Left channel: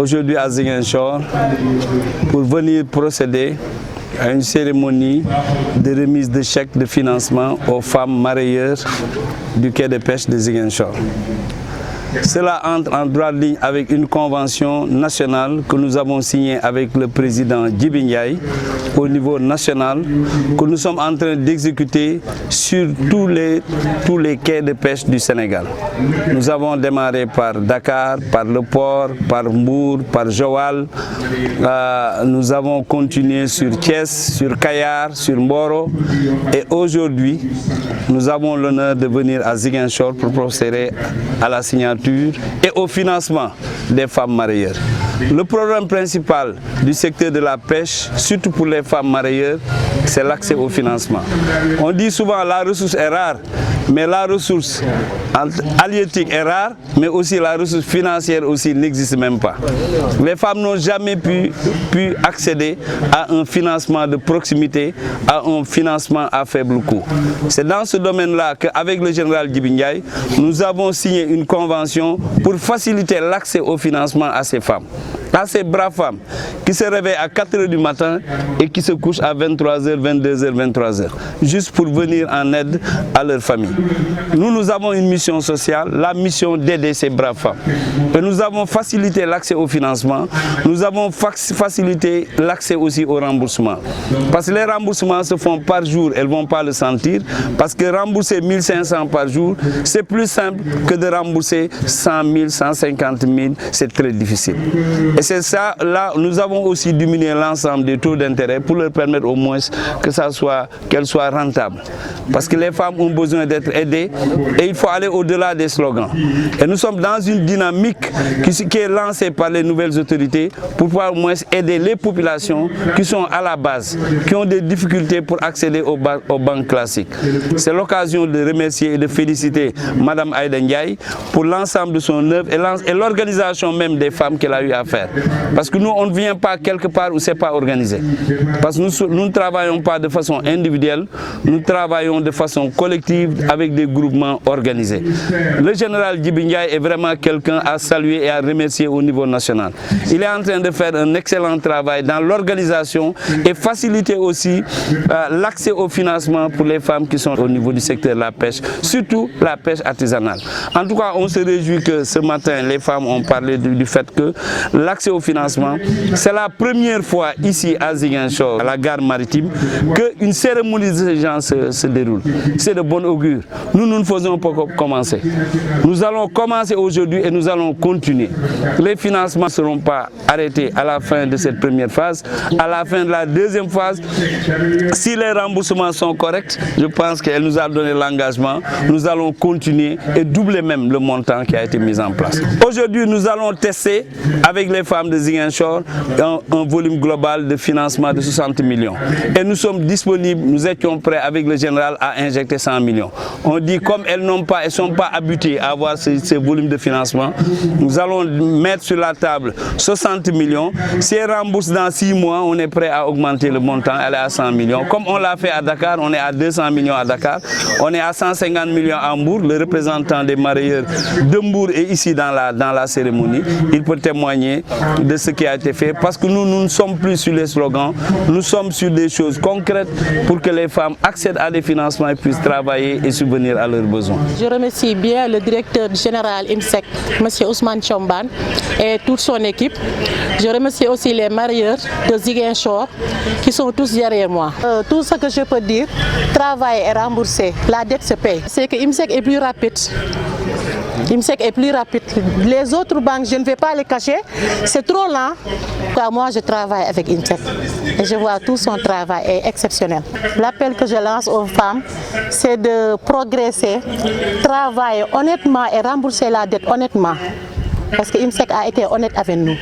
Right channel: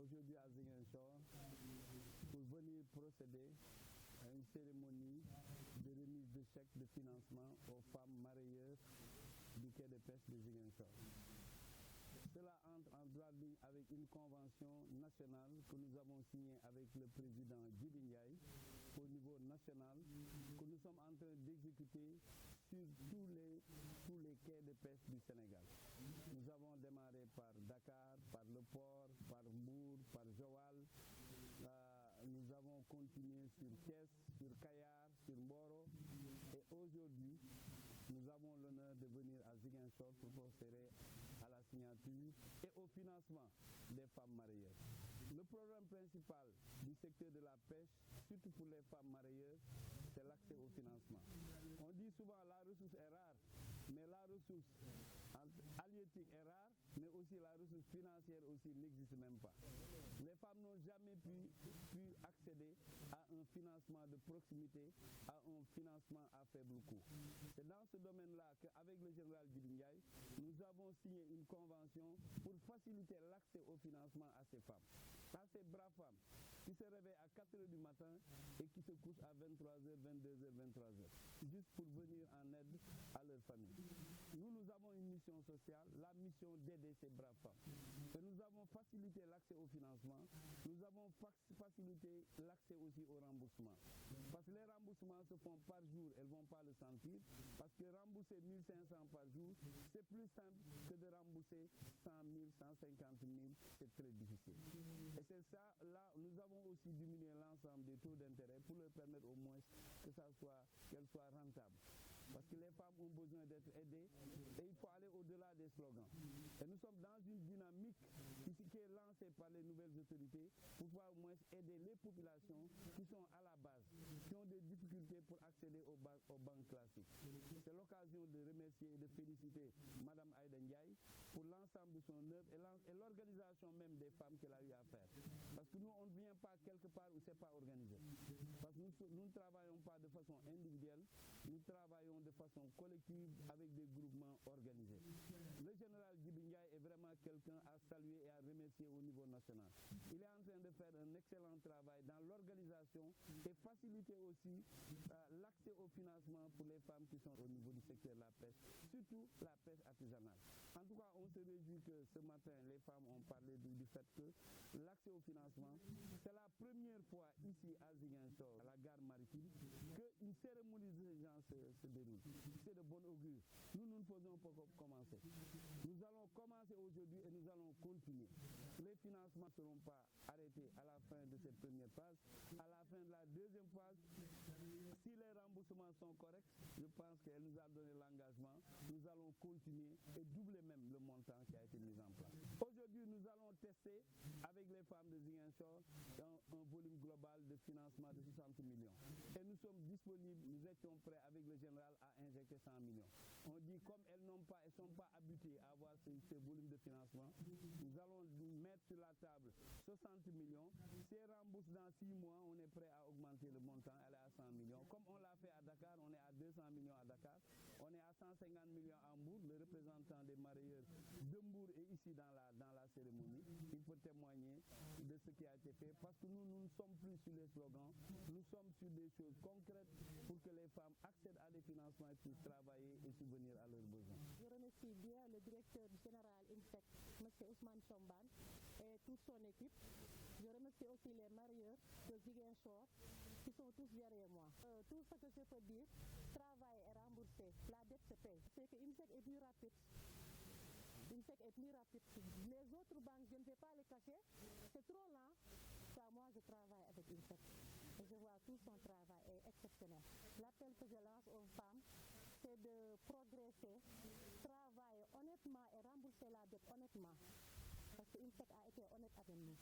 aujourd'hui à Ziguinchor pour venir procéder à une cérémonie de remise de chèques de financement aux femmes mareyeurs du quai de pêche de Ziguinchor. Cela entre en droite ligne avec une convention nationale que nous avons signée avec le président Djibi Ndiaye au niveau national, que nous sommes en train d'exécuter sur tous les quais de pêche du Sénégal. Nous avons démarré par Dakar, par le port, par Mbour, par Joal. Nous avons continué sur Thiès, sur Kayar, sur Mboro. Et aujourd'hui, nous avons l'honneur de venir à Ziguinchor pour procéder à la signature et au financement des femmes mareyeurs. Le problème principal du secteur de la pêche, surtout pour les femmes mareyeurs, c'est l'accès au financement. On dit souvent la ressource est rare, mais la ressource halieutique est rare, mais aussi la ressource financière aussi n'existe même pas. Les femmes n'ont jamais pu accéder à un financement de proximité, à un financement à faible coût. C'est dans ce domaine-là qu'avec le général Djibi Ndiaye, nous avons signé une convention pour faciliter l'accès au financement à ces femmes. À ces braves femmes qui se réveillent à 4 h du matin et qui se couchent à 23 h, 22 h, 23 h, juste pour venir en aide à leur famille. Nous avons une mission sociale, la mission d'aider ces braves femmes. Et nous avons facilité l'accès au financement, nous avons facilité l'accès aussi au remboursement. Parce que les remboursements se font par jour, elles ne vont pas le sentir, parce que rembourser 1500 par jour, c'est plus simple que de rembourser 100 000, 150 000, c'est très difficile. Et c'est ça, là, nous avons aussi diminué l'ensemble des taux d'intérêt pour leur permettre au moins qu'elles soient rentables. Parce que les femmes ont besoin d'être aidées et il faut aller au-delà des slogans. Et nous sommes dans une dynamique qui est lancée par les nouvelles autorités pour pouvoir au moins aider les populations qui sont à la base, qui ont des difficultés pour accéder aux banques classiques. C'est l'occasion de remercier et de féliciter Mme Aïda Ndiaye pour l'ensemble de son œuvre et l'organisation même des femmes qu'elle a eu à faire. Parce que nous, on ne vient pas quelque part où ce n'est pas organisé. Parce que nous ne travaillons pas de façon individuelle, nous travaillons de façon collective avec des groupements organisés. Le général Djibi Ndiaye est vraiment quelqu'un à saluer et à remercier au niveau national. Il est en train de faire un excellent travail dans l'organisation et faciliter aussi l'accès au financement pour les femmes qui sont au niveau du secteur de la pêche, surtout la pêche artisanale. En tout cas, on se réjouit que ce matin, les femmes ont parlé du fait que l'accès au financement, c'est la première fois ici à Ziguinchor, à la gare maritime, qu'une cérémonie de ce genre se déroule. C'est de bon augure. Nous ne faisons pas commencer. Nous allons commencer aujourd'hui et nous allons continuer. Les financements ne seront pas arrêtés à la fin de cette première phase. À la fin de la deuxième phase, si les remboursements sont corrects, je pense qu'elle nous a donné l'engagement, nous allons continuer et doubler même le montant qui a été mis en place. Aujourd'hui, nous allons tester avec les femmes de Ziguinchor un volume global de financement de 60 millions. Et nous sommes disponibles, nous étions prêts avec le général à injecter 100 millions. On dit comme elles ne sont pas habituées à avoir ces volumes de financement, nous allons mettre sur la table 60 millions. Si elles remboursent dans 6 mois, on est prêt à augmenter le montant, elle est à 100 millions. Comme on l'a fait à Dakar, on est à 200 millions à Dakar, on est à 150 millions à Mbour. Le représentant des mareyeurs de Mbour est ici dans la cérémonie. Il peut témoigner de ce qui a été fait parce que nous ne sommes plus sur les slogans, nous sommes sur des choses concrètes pour que les femmes accèdent à des financements et puissent travailler et subvenir à leurs besoins. Je remercie bien le directeur général IMSEC, M. Ousmane Chomban et toute son équipe. Je remercie aussi les mareyeurs de Ziguinchor qui sont tous derrière moi. Tout ce que je peux dire, travail est remboursé, la dette se paye. C'est que IMSEC est plus rapide. IMSEC est plus rapide. Les autres banques, je ne vais pas les cacher, c'est trop lent. Moi, je travaille avec IMSEC et je vois tout son travail est exceptionnel. L'appel que je lance aux femmes, c'est de progresser, travailler honnêtement et rembourser la dette honnêtement. Parce que IMSEC a été honnête avec nous.